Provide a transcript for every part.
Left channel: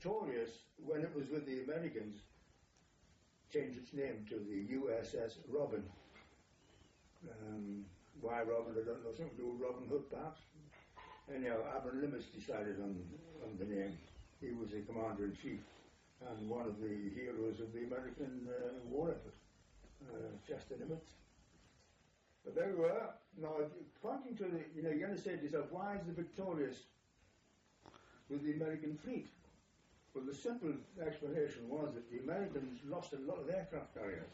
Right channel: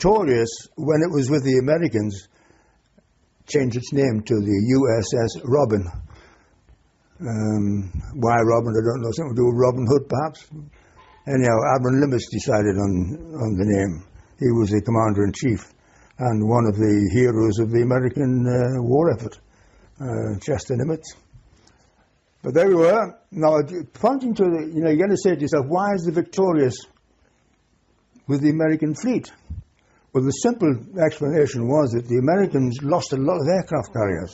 Victorious, when it was with the Americans, changed its name to the USS Robin. Why Robin, I don't know, something to do with Robin Hood perhaps. Anyhow, Admiral Nimitz decided on the name. He was the commander-in-chief and one of the heroes of the American war effort, Chester Nimitz. But there we were. Now, pointing to the, you're going to say to yourself, why is the Victorious with the American fleet? Well, the simple explanation was that the Americans lost a lot of aircraft carriers.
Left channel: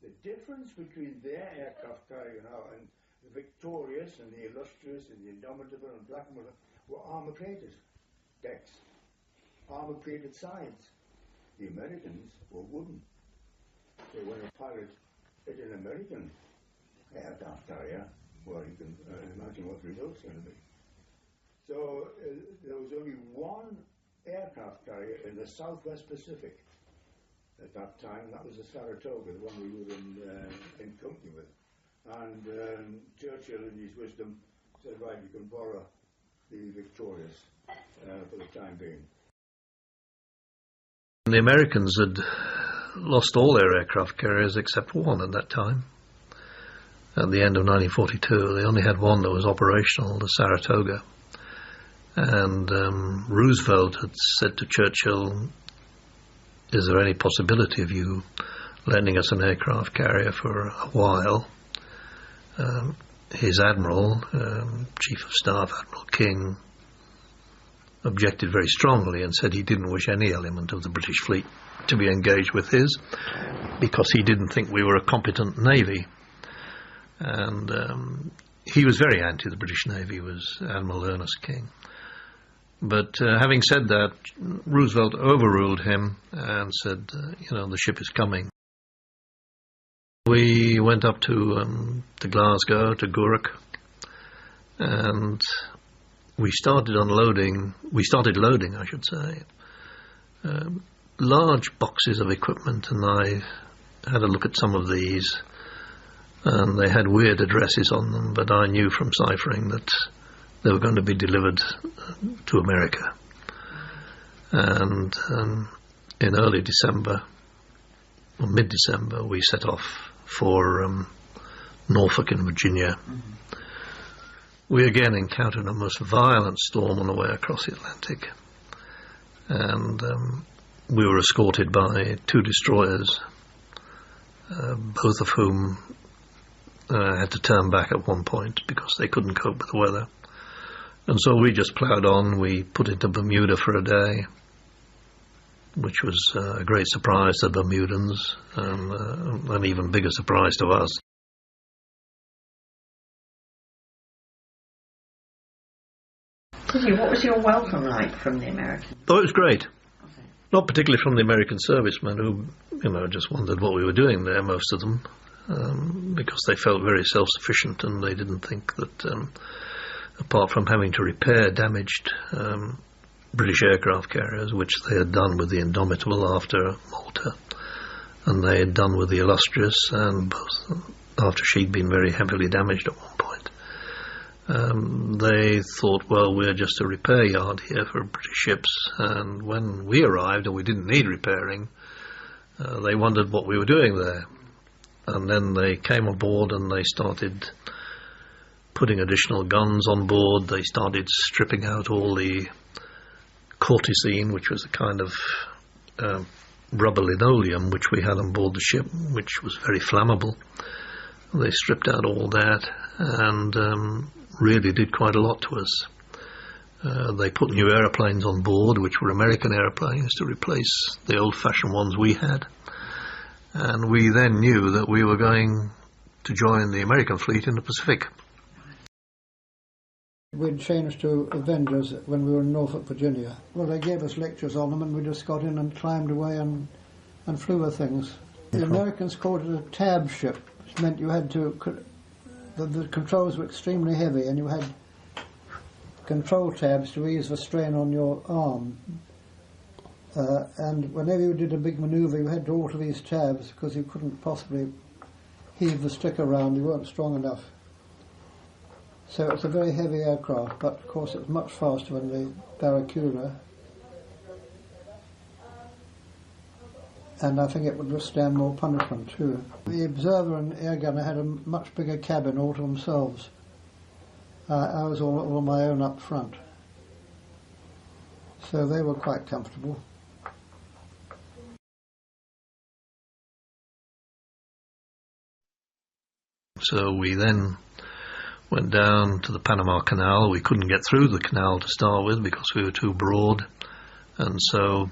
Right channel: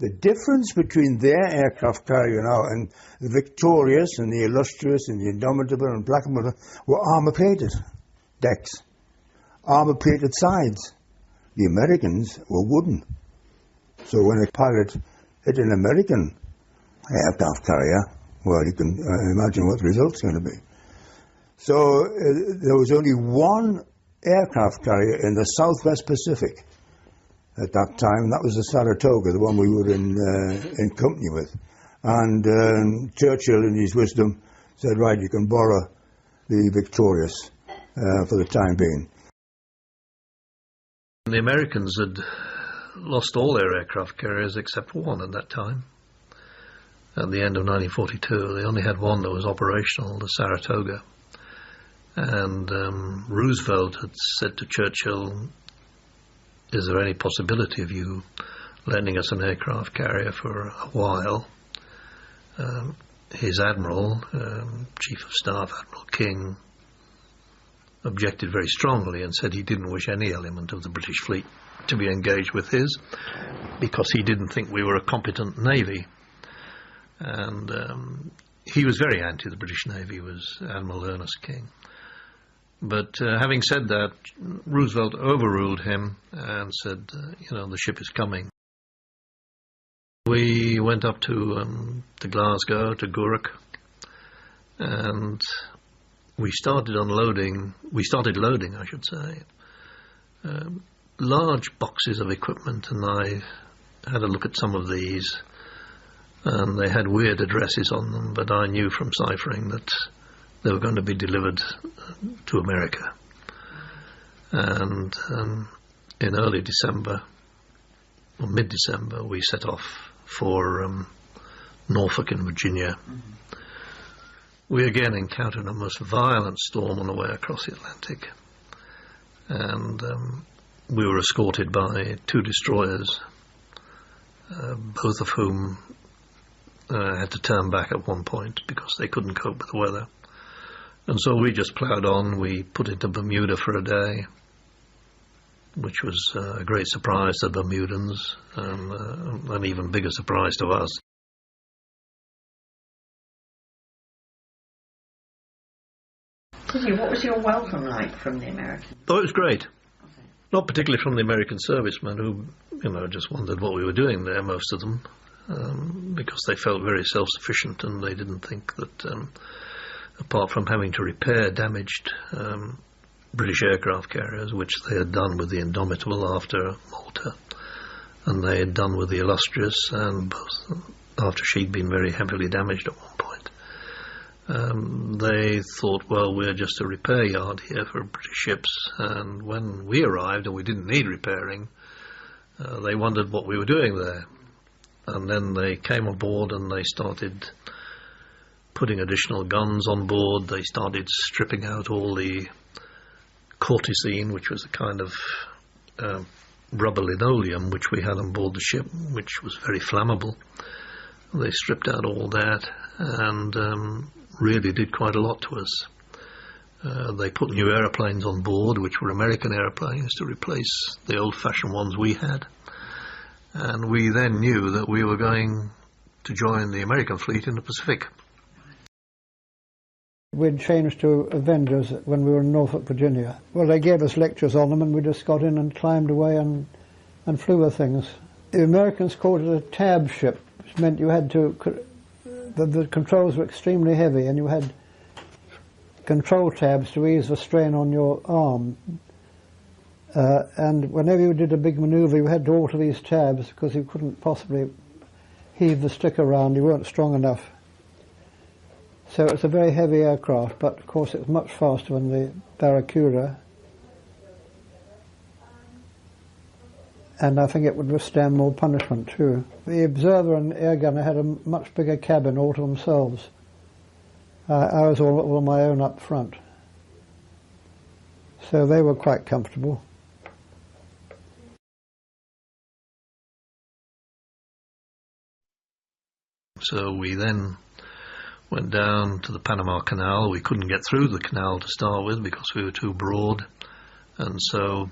The difference between their aircraft carrier now and the Victorious and the Illustrious and the Indomitable and Blackmore were armor-plated decks, armor-plated sides. The Americans were wooden. So when a pilot hit an American aircraft carrier, well, you can imagine what the result's going to be. So there was only one aircraft carrier in the Southwest Pacific at that time. That was the Saratoga, the one we were in company with. And Churchill, in his wisdom, said, right, you can borrow the Victorious for the time being. The Americans had lost all their aircraft carriers except one at that time. At the end of 1942, they only had one that was operational, the Saratoga. And Roosevelt had said to Churchill, is there any possibility of you lending us an aircraft carrier for a while? His admiral, Chief of Staff, Admiral King, objected very strongly and said he didn't wish any element of the British fleet to be engaged with his because he didn't think we were a competent navy. And he was very anti the British Navy, was Admiral Ernest King. But having said that, Roosevelt overruled him and said, the ship is coming. We went up to Glasgow, to Gourock, and we started loading, I should say, large boxes of equipment, and I had a look at some of these, and they had weird addresses on them, but I knew from ciphering that they were going to be delivered to America. And in early December, or mid-December, we set off for Norfolk in Virginia. Mm-hmm. We again encountered a most violent storm on the way across the Atlantic, and we were escorted by two destroyers, both of whom had to turn back at one point because they couldn't cope with the weather. And so we just ploughed on. We put into Bermuda for a day, which was a great surprise to Bermudans, and an even bigger surprise to us. What was your welcome like from the Americans? Oh, it was great. Okay. Not particularly from the American servicemen who, just wondered what we were doing there, most of them, because they felt very self-sufficient and they didn't think that, apart from having to repair damaged British aircraft carriers, which they had done with the Indomitable after Malta, and they had done with the Illustrious, and both after she'd been very heavily damaged at one point. They thought, well, we're just a repair yard here for British ships, and when we arrived and we didn't need repairing, they wondered what we were doing there. And then they came aboard and they started putting additional guns on board. They started stripping out all the cortisine, which was a kind of rubber linoleum which we had on board the ship, which was very flammable. They stripped out all that and really did quite a lot to us. They put new aeroplanes on board, which were American aeroplanes, to replace the old-fashioned ones we had. And we then knew that we were going to join the American fleet in the Pacific. We'd changed to Avengers when we were in Norfolk, Virginia. Well, they gave us lectures on them, and we just got in and climbed away and flew with things. The Americans called it a tab ship, which meant you had to... The controls were extremely heavy, and you had control tabs to ease the strain on your arm. And whenever you did a big manoeuvre, you had to alter these tabs because you couldn't possibly heave the stick around. You weren't strong enough. So it's a very heavy aircraft, but of course it's much faster than the Barracuda. and I think it would withstand more punishment too. The observer and air gunner had a much bigger cabin all to themselves. I was all on my own up front, so they were quite comfortable. So we then went down to the Panama Canal. We couldn't get through the canal to start with because we were too broad, and so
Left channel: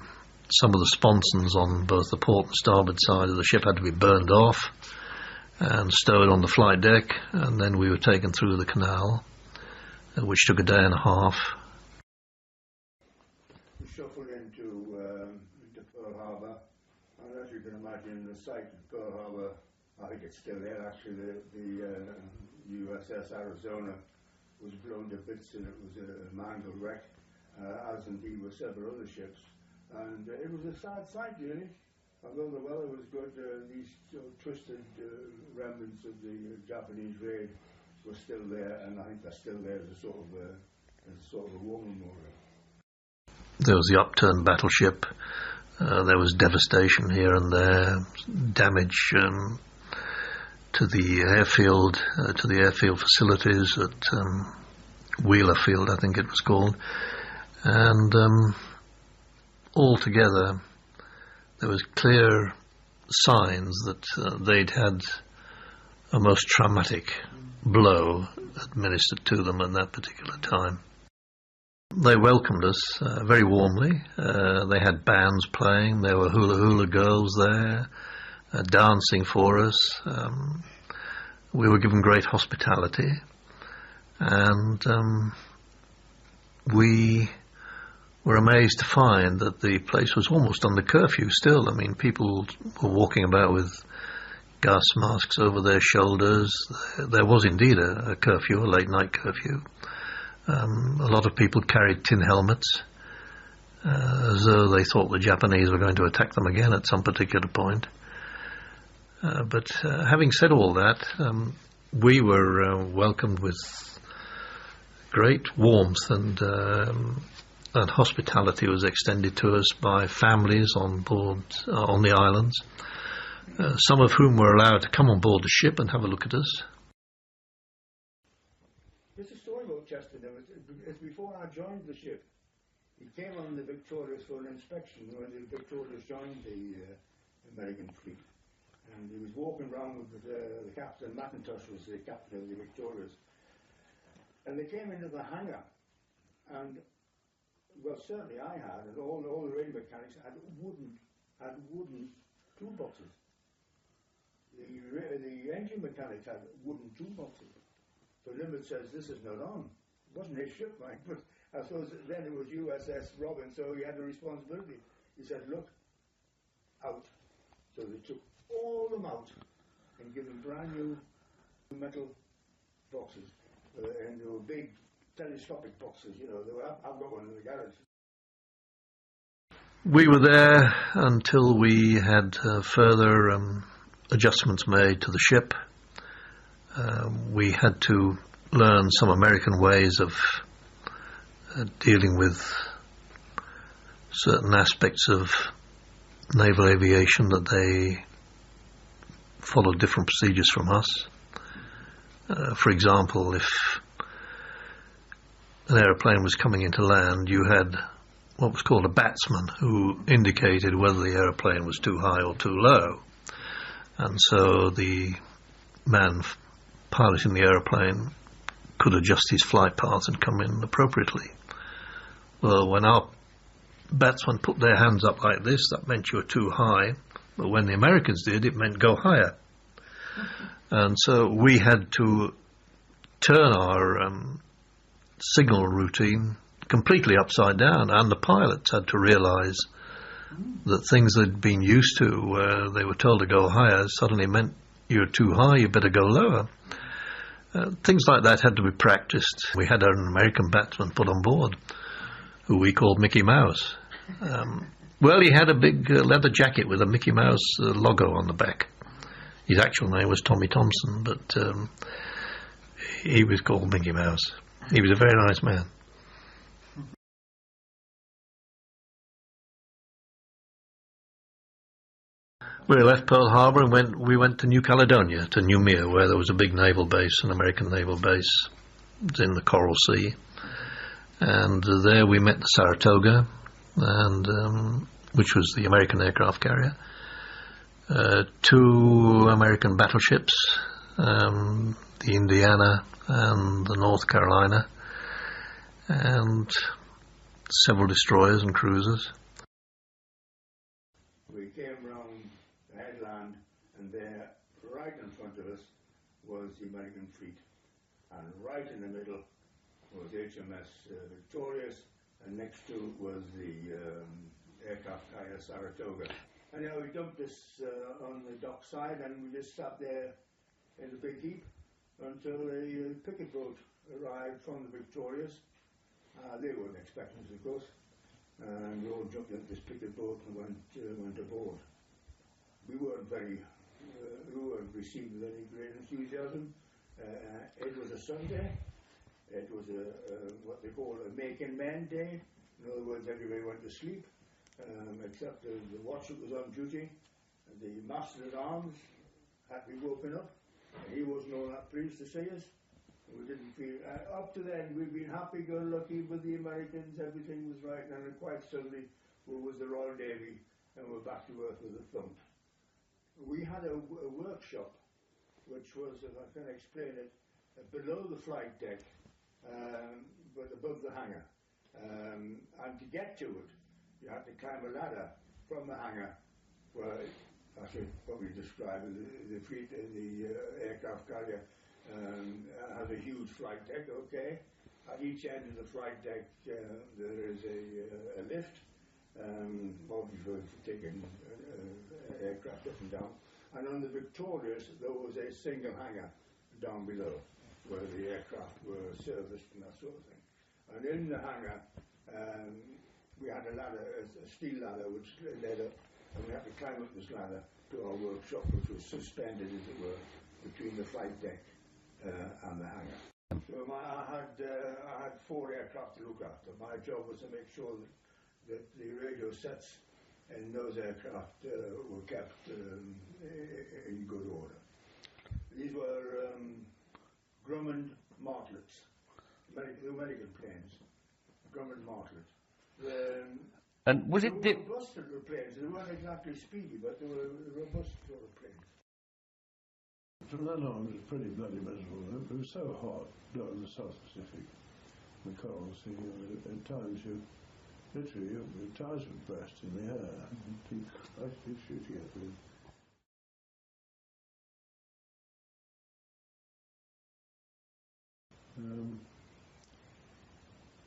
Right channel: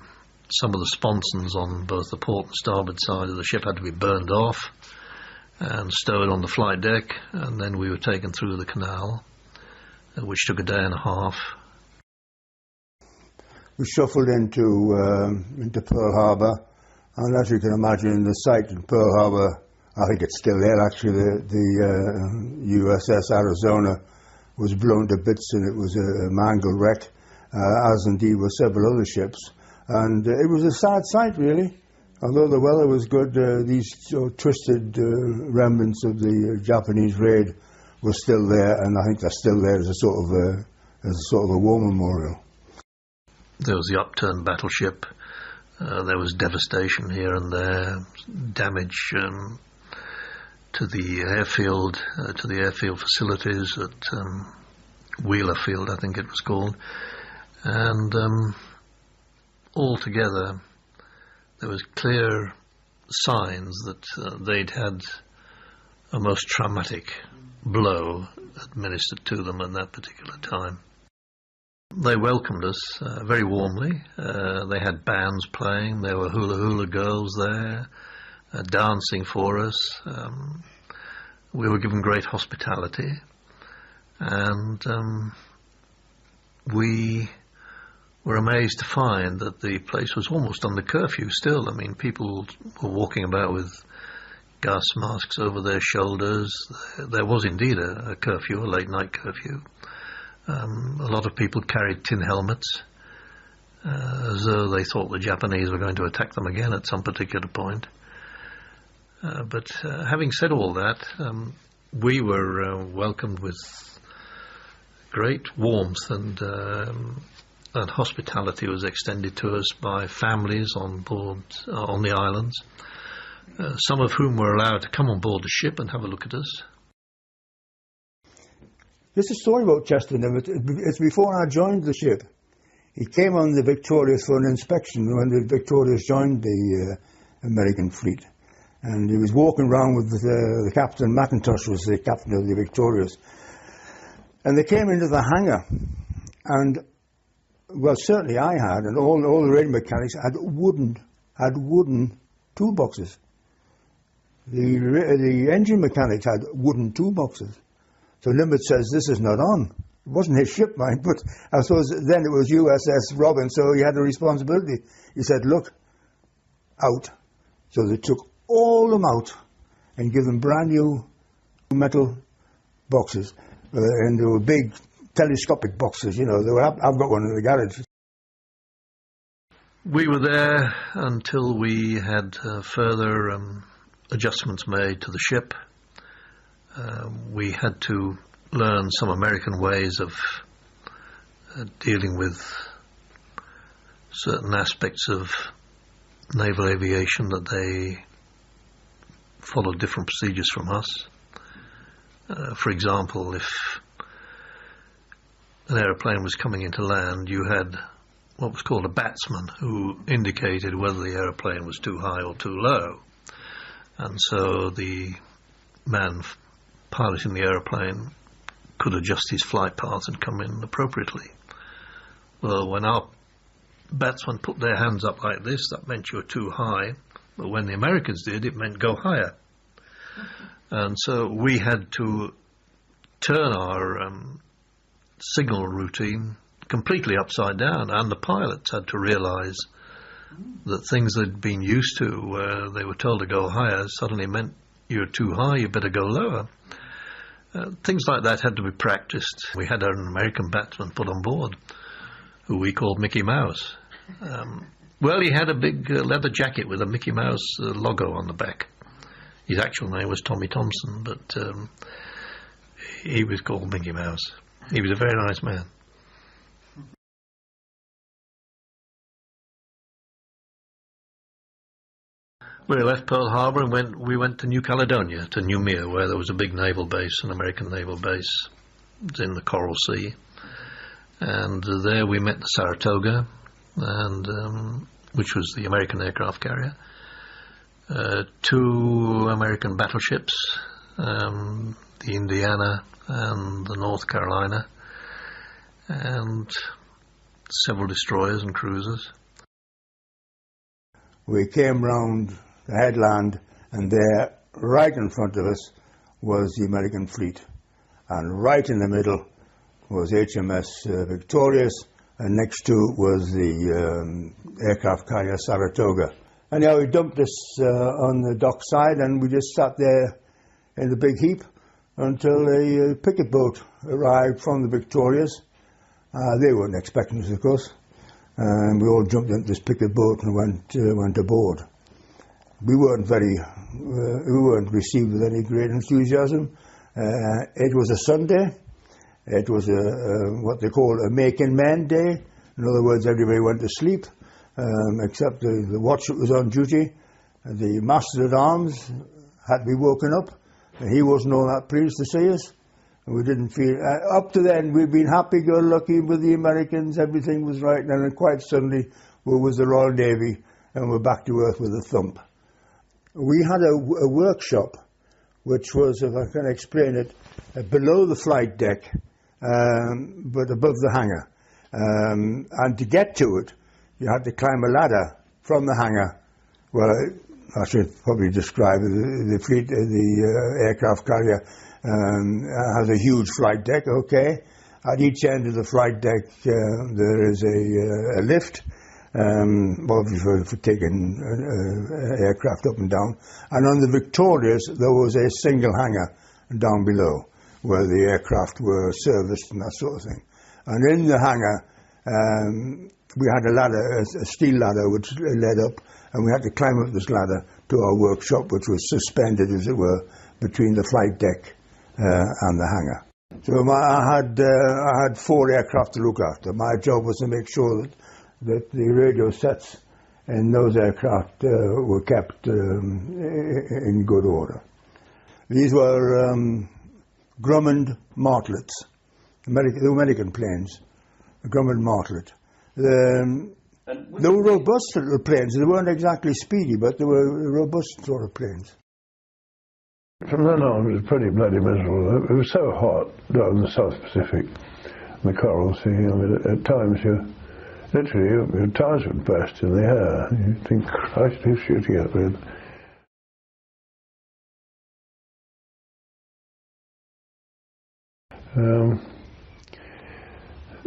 some of the sponsons on both the port and starboard side of the ship had to be burned off and stowed on the flight deck, and then we were taken through the canal, which took a day and a half. We shuffled into Pearl Harbor, and as you can imagine, the site of Pearl Harbor, I think it's still there actually, the USS Arizona was blown to bits and it was a mangled wreck, as indeed were several other ships. And it was a sad sight really. Although the weather was good, these twisted remnants of the Japanese raid were still there, and I think they're still there as a sort of a war memorial. There was the upturned battleship. There was devastation here and there, damage to the airfield facilities at Wheeler Field, I think it was called, and altogether there was clear signs that they'd had a most traumatic blow administered to them at that particular time. They welcomed us very warmly. They had bands playing, there were hula hula girls there dancing for us. We were given great hospitality, and we were amazed to find that the place was almost under curfew still. I mean, people were walking about with gas masks over their shoulders. There was indeed a curfew, a late night curfew. A lot of people carried tin helmets, as though they thought the Japanese were going to attack them again at some particular point. But having said all that, we were welcomed with great warmth, and hospitality was extended to us by families on board on the islands, some of whom were allowed to come on board the ship and have a look at us. There's a story about Chester. It's before I joined the ship. He came on the Victorious for an inspection when the Victorious joined the American fleet. And he was walking around with the captain. McIntosh was the captain of the Victorious. And they came into the hangar, and well, certainly I had, and all the radio mechanics had wooden toolboxes. The engine mechanics had wooden toolboxes. So Nimitz says, this is not on. It wasn't his ship, right? But I suppose then it was USS Robin, so he had the responsibility. He said, look, out. So they took all them out and give them brand new metal boxes. And they were big telescopic boxes, you know. I've got one in the garage. We were there until we had further adjustments made to the ship. We had to learn some American ways of dealing with certain aspects of naval aviation, that they followed different procedures from us. For example, if an aeroplane was coming into land, you had what was called a batsman who indicated whether the aeroplane was too high or too low. And so the man piloting the aeroplane could adjust his flight path and come in appropriately. Well, when our batsmen put their hands up like this, that meant you were too high. But when the Americans did, it meant go higher. And so we had to turn our signal routine completely upside down, and the pilots had to realize that things they'd been used to, where they were told to go higher, suddenly meant you're too high, you better go lower. Things like that had to be practiced. We had an American batsman put on board, who we called Mickey Mouse. Well, he had a big leather jacket with a Mickey Mouse logo on the back. His actual name was Tommy Thompson, but he was called Mickey Mouse. He was a very nice man. We left Pearl Harbor and we went to New Caledonia, to Noumea, where there was a big naval base, an American naval base. It was in the Coral Sea. And there we met the Saratoga, and which was the American aircraft carrier. 2 American battleships, the Indiana and the North Carolina, and several destroyers and cruisers. We came round the headland, and there, right in front of us, was the American fleet. And right in the middle was HMS Victorious, and next to was the aircraft carrier Saratoga. And we dumped us on the dock side, and we just sat there in a big heap until the picket boat arrived from the Victorious. They weren't expecting us, of course, and we all jumped into this picket boat and went aboard. We weren't received with any great enthusiasm. It was a Sunday. It was what they call a making men day. In other words, everybody went to sleep, except the watch that was on duty. The master-at-arms had to be woken up. He wasn't all that pleased to see us. We didn't feel... up to then, we'd been happy-go-lucky with the Americans. Everything was right. And then quite suddenly, we was the Royal Navy, and we're back to earth with a thump. We had a workshop, which was, if I can explain it, below the flight deck, but above the hangar. And to get to it, you had to climb a ladder from the hangar, where I should probably describe the fleet, the aircraft carrier has a huge flight deck, okay. At each end of the flight deck there is a lift, obviously for taking aircraft up and down. And on the Victorious there was a single hangar down below, where the aircraft were serviced and that sort of thing. And in the hangar we had a ladder, a steel ladder which led up, and we had to climb up this ladder to our workshop, which was suspended, as it were, between the flight deck and the hangar. So I had 4 aircraft to look after. My job was to make sure that the radio sets in those aircraft were kept in good order. These were Grumman Martlets, the American planes, Grumman Martlets. And was it... They were robust little planes. They weren't exactly speedy, but they were robust sort of planes. From then on, it was pretty bloody miserable. It was so hot down in the South Pacific, the Coral Sea. At times, literally, your tires would burst in the air. Keep shooting at them.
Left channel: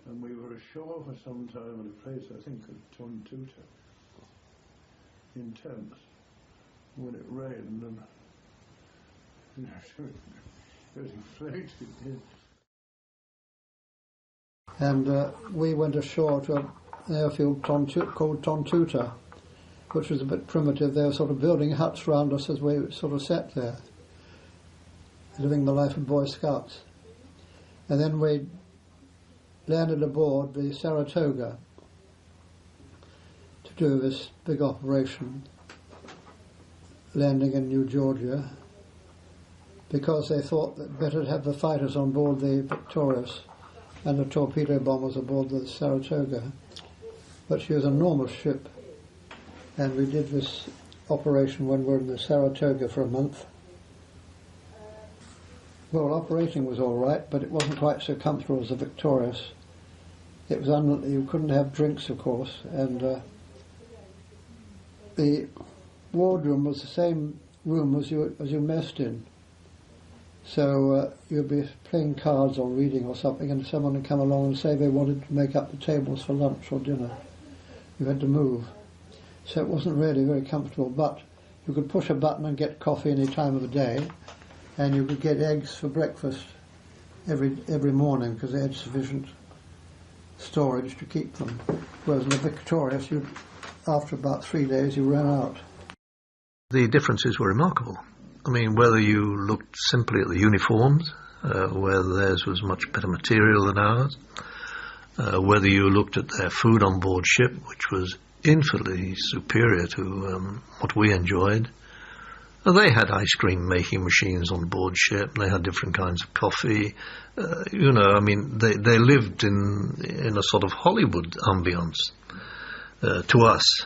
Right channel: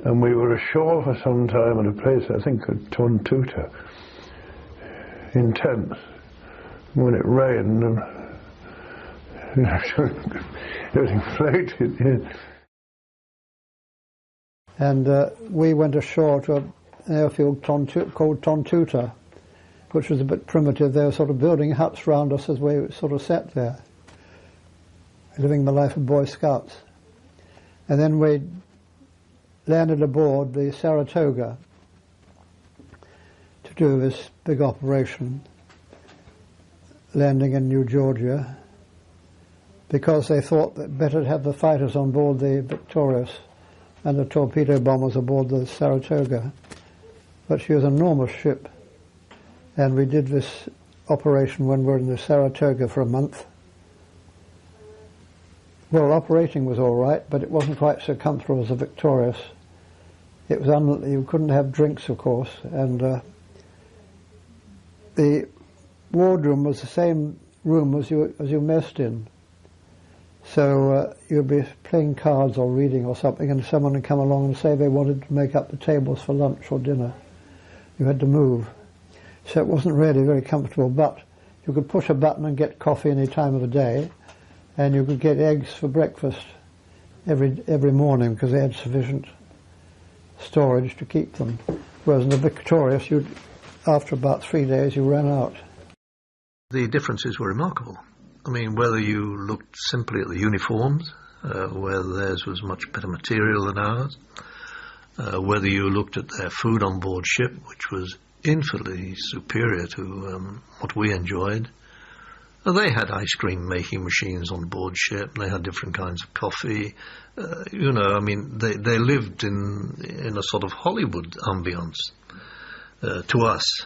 And we were ashore for some time at a place, I think, called Tontuta, in Thames, when it rained, and it was inflated. And we went ashore to an airfield called Tontuta, which was a bit primitive. They were sort of building huts round us as we sort of sat there, living the life of Boy Scouts. And then we landed aboard the Saratoga to do this big operation, landing in New Georgia, because they thought that better to have the fighters on board the Victorious and the torpedo bombers aboard the Saratoga. But she was an enormous ship, and we did this operation when we were in the Saratoga for a month. Well, operating was all right, but it wasn't quite so comfortable as the Victorious. It was you couldn't have drinks, of course, and the wardroom was the same room as you messed in. So you'd be playing cards or reading or something, and someone would come along and say they wanted to make up the tables for lunch or dinner. You had to move. So it wasn't really very comfortable, but you could push a button and get coffee any time of the day, and you could get eggs for breakfast every morning because they had sufficient storage to keep them. Whereas in the Victorious, after about 3 days, you ran out. The differences were remarkable. I mean, whether you looked simply at the uniforms, where theirs was much better material than ours, whether you looked at their food on board ship, which was infinitely superior to what we enjoyed. They had ice cream making machines on board ship. They had different kinds of coffee. I mean, they lived in a sort of Hollywood ambience to us,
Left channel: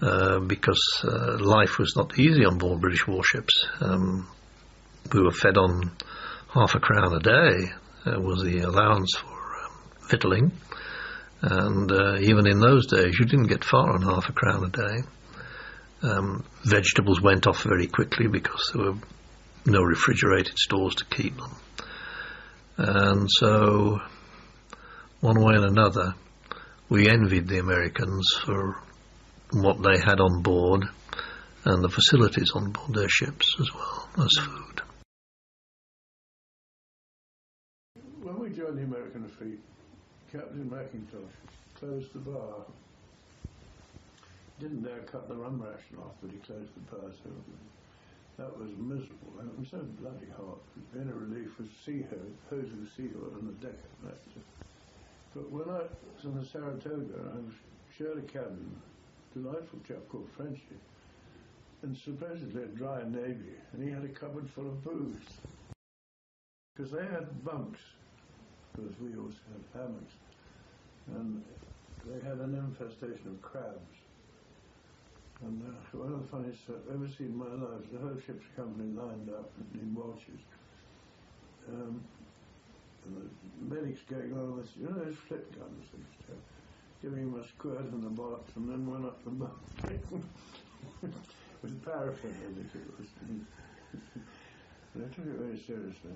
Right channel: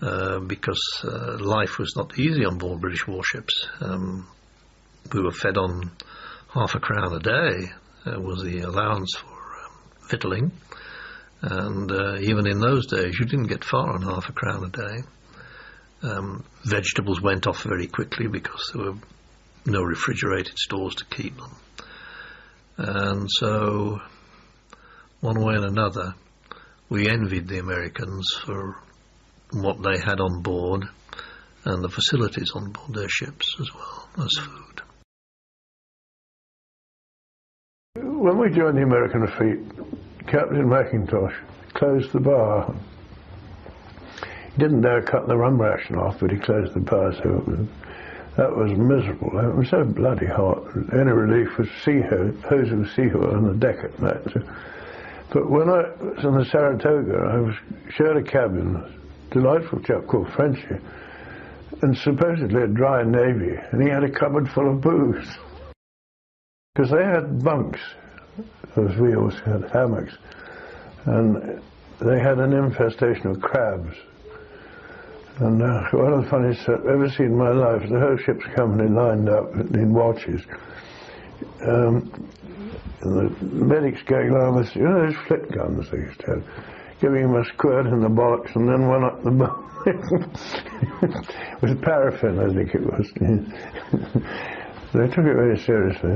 because life was not easy on board British warships. We were fed on £0.50 a day was the allowance for victualling, and even in those days, you didn't get far on £0.50 a day. Vegetables went off very quickly because there were no refrigerated stores to keep them. And so, one way and another, we envied the Americans for what they had on board and the facilities on board their ships as well as food. When we joined the American fleet, Captain McIntosh closed the bar. Didn't dare cut the rum ration off, but he closed the bar, so that was miserable. And it was so bloody hot. The only relief was hosing sea oil on the deck. But when I was on the Saratoga, I was shared a cabin, a delightful chap called Frenchy, and supposedly a dry navy, and he had a cupboard full of booze. Because they had bunks, because we also had hammocks, and they had an infestation of crabs. And one of the funniest I've ever seen in my life, the whole ship's company lined up in watches. And the medics going along with, those flip guns they used to have, giving him a squirt in the box and then one up the butt. With paraffin in it was. They took it very seriously.